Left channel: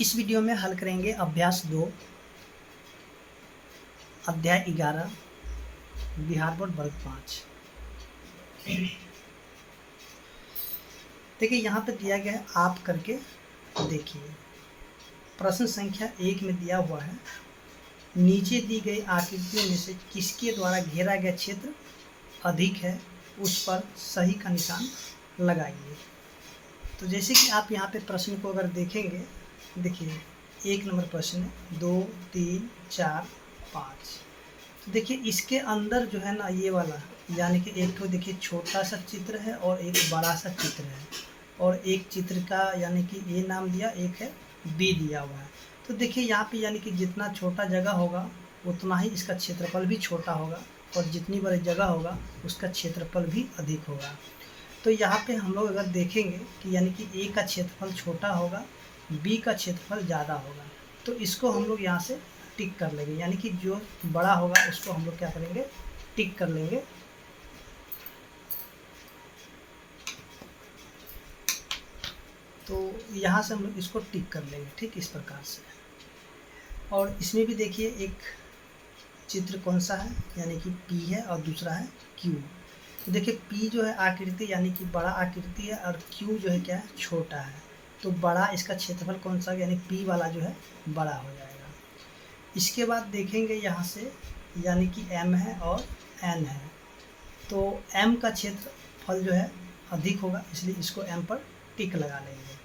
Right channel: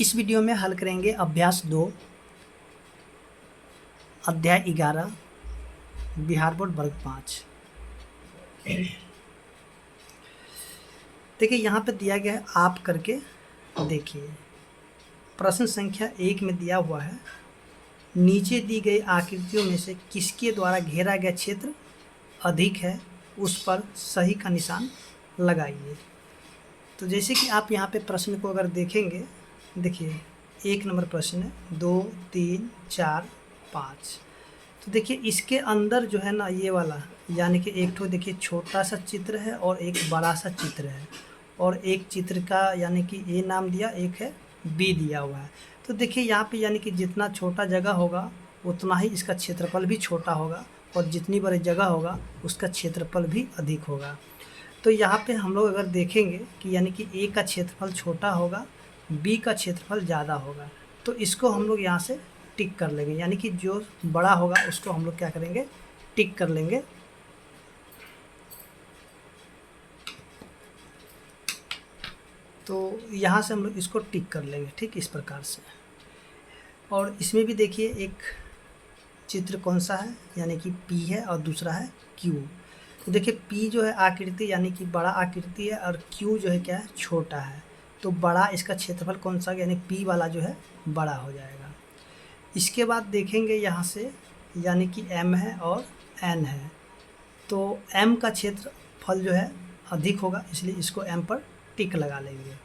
इस वीडियो में हल करेंगे अभ्यास 2 अध्याय 11 बिहार बोर्ड वर्ग 5। देखिए यहाँ पे दिया गया है, आप करके देखिए। प्रश्न संख्या 1 में दिया हुआ है, नीचे दी गई आकृतियों में से किसके द्वारा घेरा गया क्षेत्र अधिक है, उस पर सही का निशान लगाइए। तो जैसे कि आप यहाँ पे प्रश्न को अगर देखेंगे, देखिए 1 नंबर प्रश्न है, 2, 3, 4, 5। तो देखिए इसके अंदर जो है ना ये वाला, यानी कि एक तो देखिए छोटा सा चित्र है और एक बड़ा सा चित्र है, और एक चित्र का यानी कि ए नाम दिया, एक है बी दिया हुआ है। तो देखिए यहाँ पे यानी कि जितना छोटा जगह होगा उतना ही इसका क्षेत्रफल भी छोटा होगा, और जितनी बड़ी जगह होगा उसका क्षेत्रफल भी अधिक होगा। तो यहाँ पे हम लोग अगर देखेंगे कि यानी कि ए का क्षेत्रफल छोटा होगा, बी का क्षेत्रफल ज़्यादा होगा, तो इसको हम लोग यहाँ से टिक कर लेंगे, यानी कि जो बड़ा होगा उसको हम लोग क्या करेंगे, टिक कर लेंगे। तो यहाँ से हम लोग इसको टिक कर लेंगे, ठीक इस प्रकार से। और इसमें भी देखिए एक चित्र कौन सा है, यानी कि पी है और दूसरा है क्यू। तो देखिए पी जो है आकृति यानी कि बड़ा आकृति है, और क्यू जो है क्या है, छोटा है। तो बड़ा इसका क्षेत्रफल कौन सा, यानी पी वाला जो है बड़ा हो जाएगा। इसके बाद देखेंगे यहाँ से, यानी कि m है और n है, तो m का क्षेत्रफल जो है अधिक होगा, इसलिए इसको m पर टिक लगा लेंगे।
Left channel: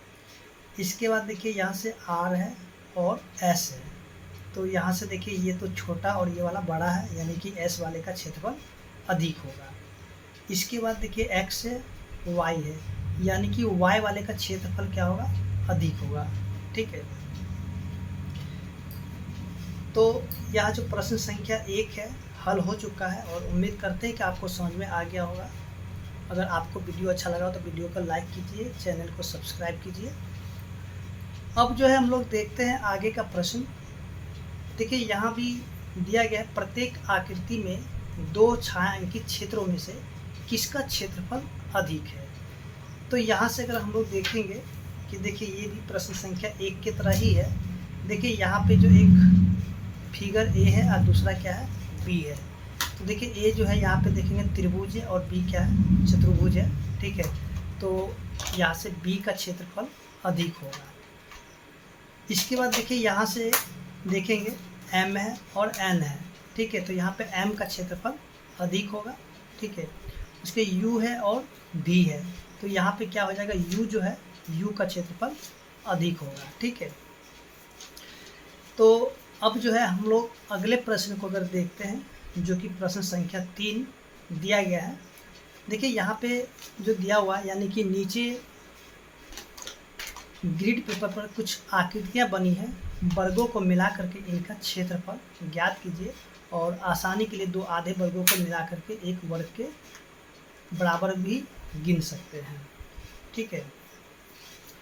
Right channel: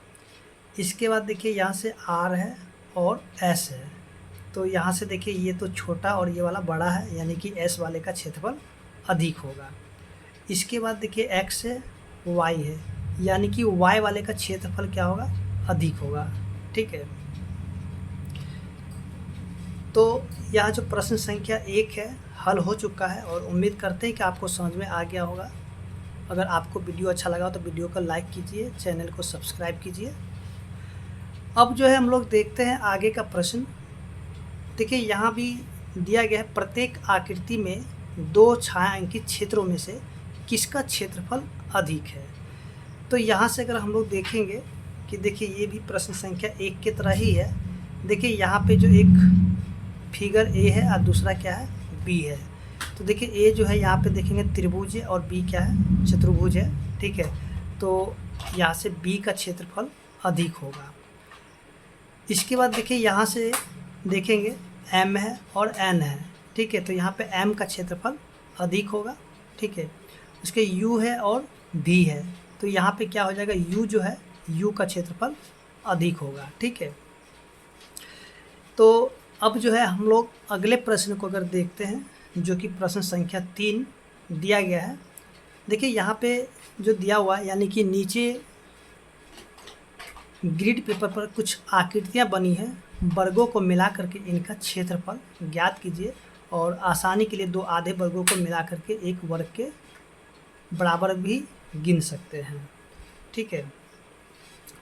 इसके बाद देखिए यहाँ से r है और s है, तो यहाँ से देखिए ये तो छोटा और ये वाला बड़ा है, यानी कि s वाले का क्षेत्रफल अधिक होगा। इसके बाद देखिए x है, y है, यानी कि y वाले का क्षेत्रफल क्या होगा, अधिक होगा, ठीक है। तो यह जो प्रश्न संख्या 1 है हल हो चुका है, और उम्मीद करते हैं कि आपको समझ में आ गया होगा। अगर आपको वीडियो अच्छा लगा तो वीडियो को लाइक कीजिए, चैनल को सब्सक्राइब कीजिए। अब जो है हम लोग देखते हैं आगे का प्रश्न। देखिए यहाँ भी दिया गया है, प्रत्येक आकृति में 2 छायांकित क्षेत्रों में से किसका क्षेत्रफल अधिक है। तो यहाँ से अगर हम लोग देखेंगे कि देखिए ये भी प्रश्न संख्या 1 की तरह ही है। देखिए यहाँ पे जो एक फिगर ए है और दूसरा क्या है, बी है। तो देखिए ए जो है यहाँ पे देखेंगे त्रिभुज है, और बी क्या है, चतुर्भुज है, ठीक है। तो यहाँ से बी का क्षेत्रफल अधिक होगा। इसके बाद देखिए यहाँ से देखेंगे एम है और एन है, ठीक है। तो यहाँ पे एम का क्षेत्रफल अधिक होगा, ठीक है। उसके यू है और भी है, तो यहाँ पे क्या हो जाएगा, यू जो है यू का क्षेत्रफल अधिक होगा, ठीक है। तो अब जो है हम लोग अगले प्रश्न को अगर देखते हैं, जो कि प्रश्न संख्या 3 दिया गया है। देखिए यहाँ पे जो दिया हुआ है, यानी कि नीचे ग्रिड पेपर पर कुछ आकृतियाँ बनी हैं, वर्गों को मिला करके इनका क्षेत्रफल ज्ञात कीजिए, और आसानी के लिए 2 आधे वर्गों को मिला करके एक वर्ग के बराबर भी गिन सकते हैं, ठीक है।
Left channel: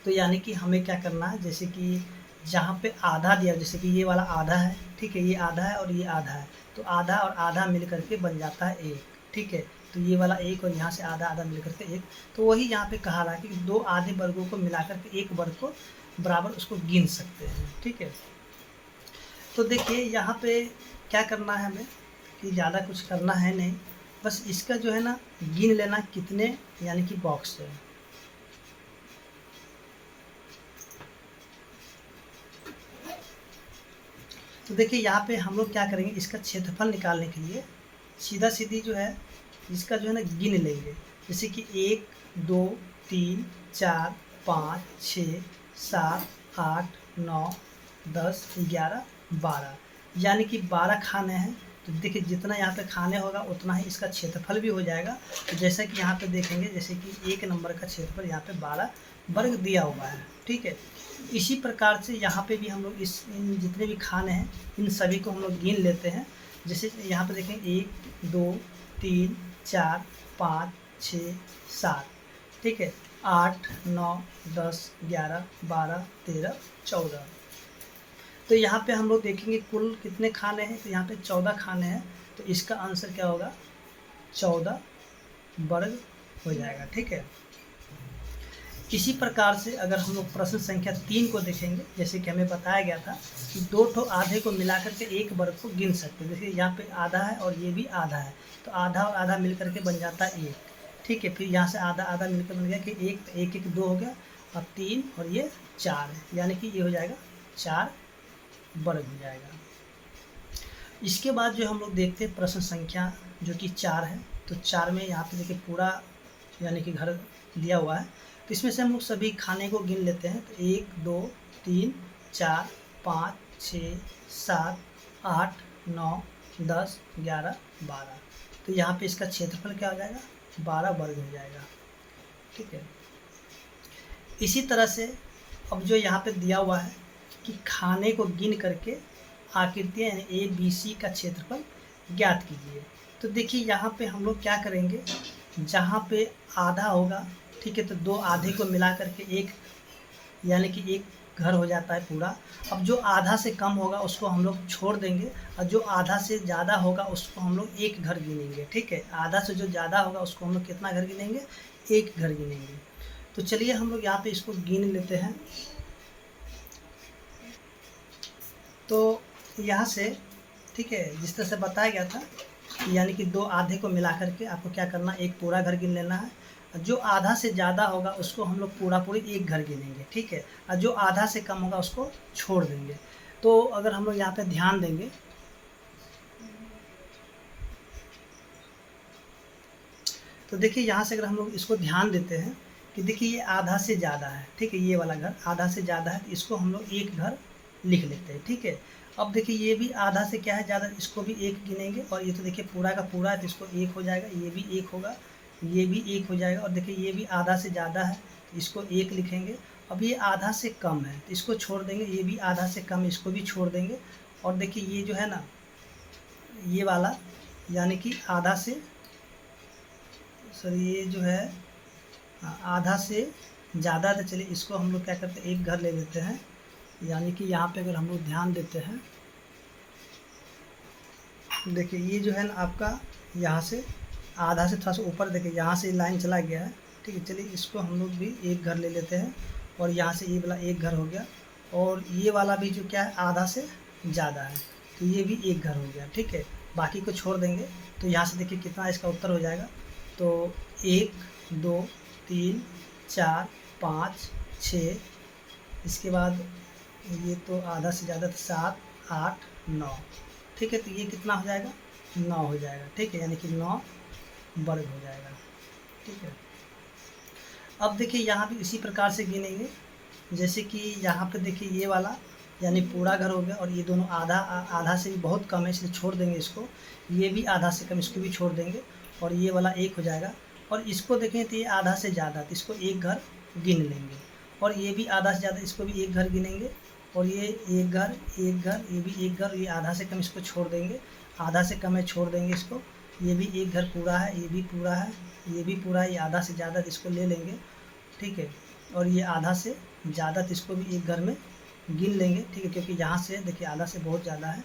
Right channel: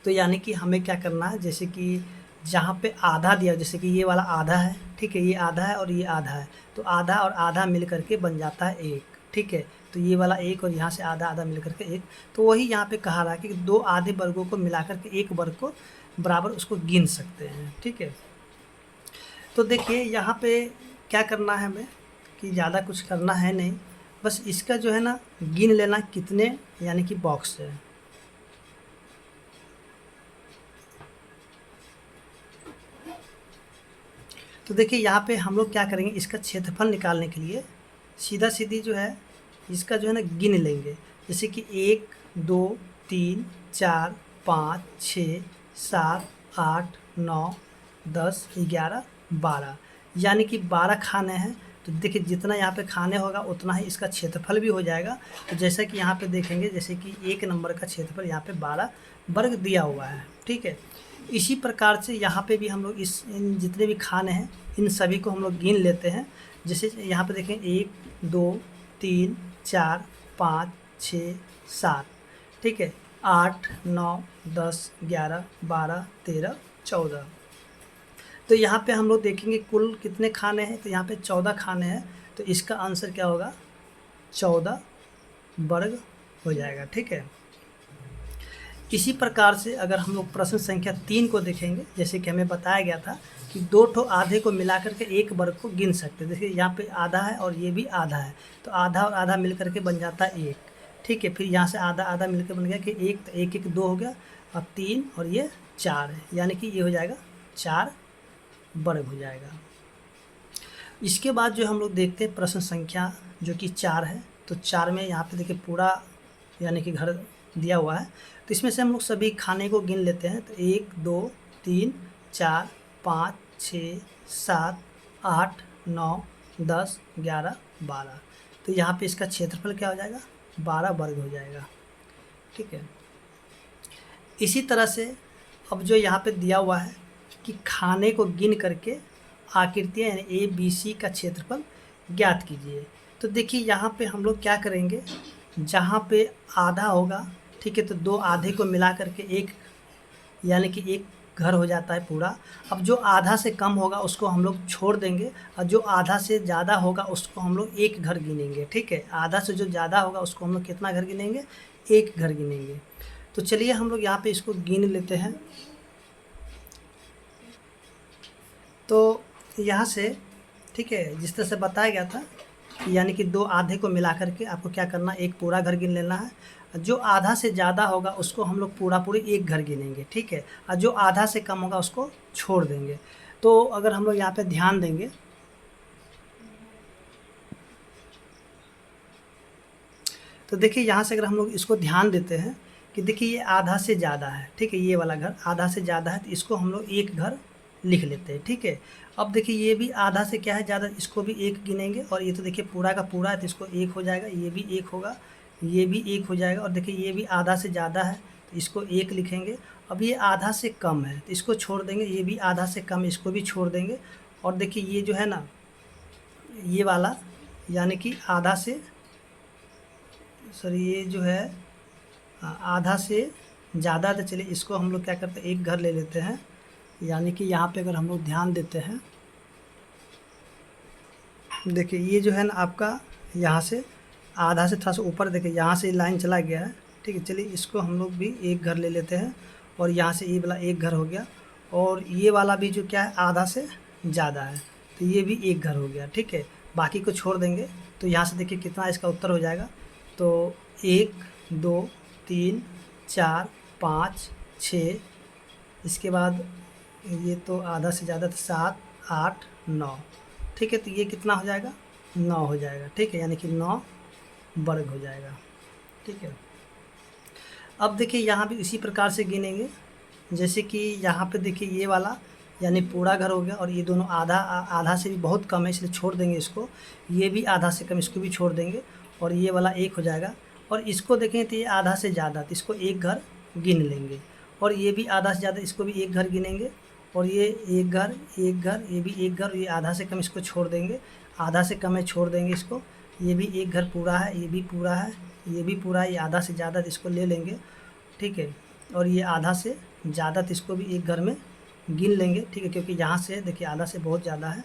तो यानी कि हमें क्या करना है, जैसे कि जहाँ पे आधा दिया, जैसे कि ये वाला आधा है, ठीक है, ये आधा है और ये आधा है, तो आधा और आधा मिल करके बन जाता है 1, ठीक है। तो ये वाला 1 और यहाँ से आधा आधा मिल करके 1, तो वही यहाँ पे कहा रहा है कि 2 आधे वर्गों को मिला करके एक वर्ग को बराबर उसको गिन सकते हैं, ठीक है। तो देखिए यहाँ पे क्या करना है हमें, कि ज़्यादा कुछ करना है नहीं, बस इसका जो है ना गिन लेना कितने, यानी कि बॉक्स है। तो देखिए यहाँ पे हम लोग क्या करेंगे, इसका क्षेत्रफल निकालने के लिए सीधा सीधी जो है इसका जो है ना गिन लेंगे, जैसे कि 1, 2, 3, 4, 5, 6, 7, 8, 9, 10, 11, 12, यानी कि 12 खाने हैं। तो देखिए जितना यहाँ पे खाने होगा उतना ही इसका क्षेत्रफल भी हो जाएगा। तो जैसा कि यहाँ पे देखेंगे, जैसे कि 1 नंबर का क्षेत्रफल यहाँ पे 12 वर्ग दिया हुआ है, ठीक है। इसी प्रकार से यहाँ पे भी हम लोग इन जितने भी खाने हैं इन सभी को हम लोग गिन लेते हैं। जैसे यहाँ पे देखें 1, 2, 3, 4, 5, 6, 7, ठीक है, 8, 9, 10, 11, 12, 13, 14। तो यहाँ पे हम लोग देखेंगे कुल कितने खाने हैं, तो यहाँ पे 14 खाने हैं, तो इसका आंसर क्या होगा, 14 वर्ग हो जाएगा, ठीक है। इसी प्रकार से अगर हम लोग प्रश्न संख्या 3 को देखेंगे, जैसे कि हमें बताया गया था कि 2 ठो आधे को मिला करके एक वर्ग को गिन सकते हैं। देखिए यहाँ पे आधा है और ये भी आधा है, तो आधा और आधा मिल करके बन जाता है 1। ठीक है, फिर यहाँ से आधा आधा मिलकर बन गया कि 1, तो 1 1 2 हो गया, अब 3 और ये 4 है, यानी कि ये हो जाएगा 4 वर्ग हो जाएगा। इसके बाद जो हम लोग देखते हैं प्रश्न संख्या जो कि 4 है, तो 4 में यहाँ पे देखिए पूरा यानी कि घर दिया हुआ है, तो इसमें से हम लोग सभी खाने को गिन लेते हैं। तो 1 2 3 4 5 6 7 8 9 10 11 12, तो यहाँ पे इसका क्षेत्रफल क्या हो जाएगा, 12 वर्ग हो जाएगा। ठीक है, इसी तरह से अब जो यहाँ पे दिया हुआ है कि खाने को गिन करके आकृतियाँ यानी ए बी सी का क्षेत्रफल ज्ञात कीजिए। तो देखिए यहाँ पे हम लोग क्या करेंगे, जहाँ पे आधा होगा, ठीक है, तो 2 आधे को मिला करके एक यानी कि एक घर हो जाता है पूरा। अब जो आधा से कम होगा उसको हम लोग छोड़ देंगे, और जो आधा से ज़्यादा होगा उसको हम लोग एक घर गिनेंगे। ठीक है, आधा से जो ज़्यादा होगा उसको हम लोग कितना घर गिनेंगे, एक घर गिनेंगे। तो चलिए हम लोग यहाँ पे इसको गिन लेते हैं। तो यहाँ से ठीक है, जिस तरह से बताया गया था, यानी कि 2 आधे को मिला करके आपको क्या करना, एक पूरा घर गिन लेना है। जो आधा से ज़्यादा होगा उसको हम लोग पूरी एक घर गिनेंगे। ठीक है, और जो आधा से कम होगा उसको छोड़ देंगे। तो अगर हम लोग यहाँ पे ध्यान देंगे, तो देखिए यहाँ से अगर हम लोग इसको ध्यान देते हैं कि देखिए ये आधा से ज़्यादा है। ठीक है, ये वाला घर आधा से ज़्यादा है, तो इसको हम लोग एक घर लिख लेते हैं। ठीक है, अब देखिए ये भी आधा से क्या है ज़्यादा, इसको भी एक गिनेंगे, और ये तो देखिए पूरा का पूरा है तो इसको एक हो जाएगा, ये भी एक होगा, ये भी एक हो जाएगा, और देखिए ये भी आधा से ज़्यादा है तो इसको एक लिखेंगे। अब ये आधा से कम है तो इसको छोड़ देंगे, ये भी आधा से कम है इसको भी छोड़ देंगे। और देखिए ये जो है ना, ये वाला यानी कि आधा से सॉरी ये जो है आधा से ज़्यादा, तो चलिए इसको हम लोग क्या करते हैं, एक घर ले लेते हैं। यानी कि यहाँ पे अगर हम लोग ध्यान देते हैं, देखिए ये जो है ना आपका यहाँ से आधा से थोड़ा सा ऊपर, देखिए यहाँ से लाइन चला गया है। ठीक है, चलिए इसको हम लोग भी एक घर ले लेते हैं, और यहाँ से ये वाला एक घर हो गया, और ये वाला भी जो क्या है आधा से ज़्यादा है तो ये भी एक घर हो गया। ठीक है, बाकी को छोड़ देंगे, तो यहाँ से देखिए कितना इसका उत्तर हो जाएगा। तो 1 2 3 4 5 6, इसके बाद ये तो आधा से ज़्यादा, तो 7 8 9। ठीक है, तो ये कितना हो जाएगा, 9 हो जाएगा। ठीक है, यानी कि 9 वर्ग हो जाएगा। ठीक है, अब देखिए यहाँ भी इसी प्रकार से गिनेंगे, जैसे कि यहाँ पे देखिए ये वाला यानी पूरा घर हो गया, और ये दोनों आधा आधा से भी बहुत कम है इसलिए छोड़ देंगे इसको, ये भी आधा से कम इसको भी छोड़ देंगे, और ये वाला एक हो जाएगा। और इसको देखें तो ये आधा से ज़्यादा, तो इसको एक घर गिन लेंगे, और ये भी आधा से ज़्यादा, इसको भी एक घर गिनेंगे, और ये एक घर एक घर, ये भी एक घर, ये आधा से कम इसको छोड़ देंगे, आधा से कम है छोड़ देंगे इसको, ये भी एक घर पूरा है, ये भी पूरा है, ये भी पूरा है, ये आधा से ज़्यादा, तो इसको ले लेंगे। ठीक है, और ये आधा से ज़्यादा, तो इसको भी एक घर में गिन लेंगे। ठीक है, क्योंकि यहाँ से देखिए आधा से बहुत ज़्यादा है,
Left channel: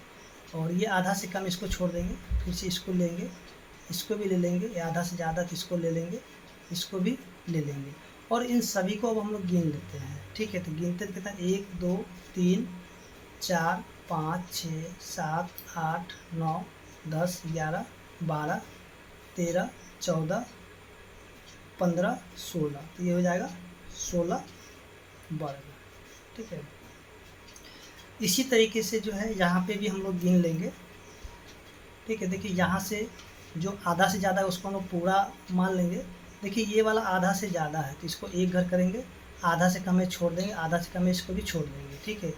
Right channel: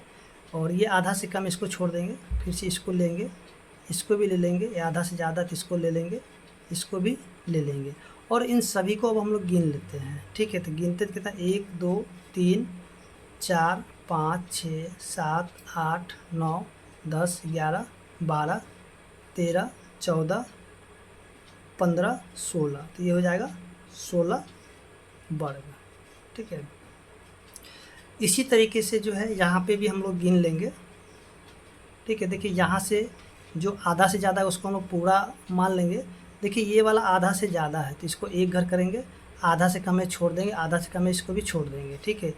और ये आधा से कम इसको छोड़ देंगे, फिर से इसको लेंगे, इसको भी ले लेंगे, ये आधा से ज़्यादा तो इसको ले लेंगे, इसको भी ले लेंगे, और इन सभी को अब हम लोग गिन लेते हैं। ठीक है, तो गिनते कितना, 1 2 3 4 5 6 7 8 9 10 11 12 13 14 15 16, तो ये हो जाएगा 16 वर्ग। ठीक है, इसी तरीके से जो है यहाँ पे भी हम लोग गिन लेंगे। ठीक है, देखिए यहाँ से जो आधा से ज़्यादा है उसको हम लोग पूरा मान लेंगे। देखिए ये वाला आधा से ज़्यादा है तो इसको एक घर करेंगे, आधा से कम है छोड़ देंगे, आधा से कम है इसको भी छोड़ देंगे। ठीक है,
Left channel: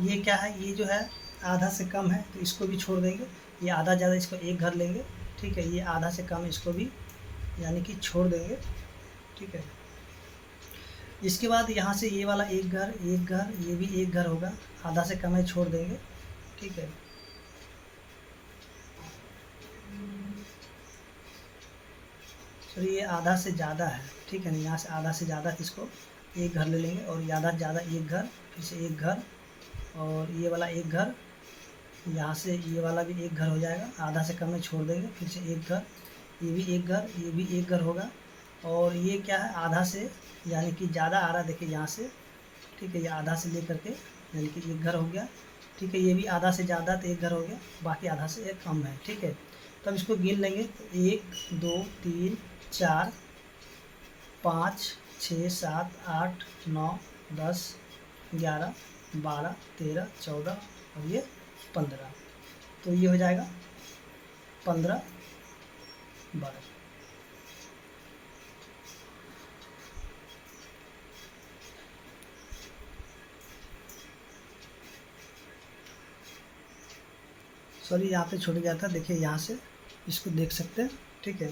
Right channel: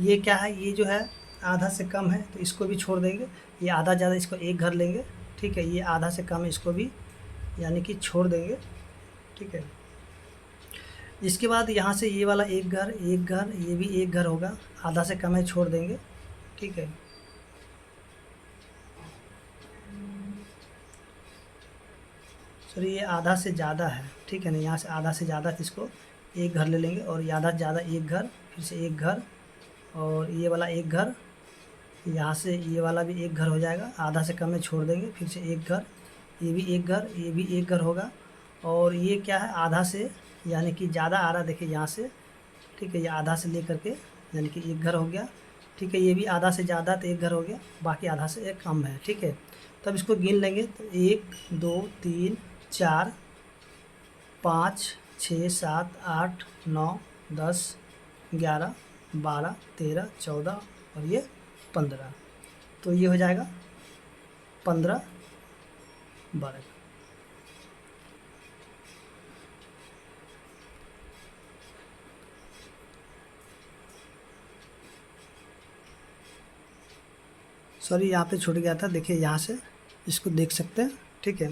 ये क्या है, ये जो है आधा से कम है तो इसको भी छोड़ देंगे, ये आधा ज़्यादा इसको एक घर लेंगे। ठीक है, ये आधा से कम है इसको भी यानी कि छोड़ देंगे। ठीक है, इसके बाद यहाँ से ये वाला एक घर, ये भी एक घर होगा, आधा से कम है छोड़ देंगे। ठीक है, सॉरी ये आधा से ज़्यादा है। ठीक है ना, यहाँ से आधा से ज़्यादा इसको एक घर ले लेंगे, और ये आधा से ज़्यादा एक घर, फिर से एक घर, और ये वाला एक घर, यहाँ से ये वाला भी एक घर हो जाएगा, आधा से कम में छोड़ देंगे, फिर से एक घर, ये भी एक घर, ये भी एक घर होगा, और ये क्या है आधा से यानी कि ज़्यादा आ रहा, देखिए यहाँ से, ठीक है, ये आधा से लेकर के, यानी कि एक घर हो गया, ठीक है, ये भी आधा से ज़्यादा तो एक घर हो गया, बाकी आधा से एक कम है, ठीक है। तब इसको गिन लेंगे तो 1 2 3 4 5 6 7 8 9 10 11 12 13 14 और ये 15, तो ये हो जाएगा 15 वर्ग। सॉरी यहाँ पे छूट गया था, देखिए यहाँ से इसको देख सकते हैं, ठीक है।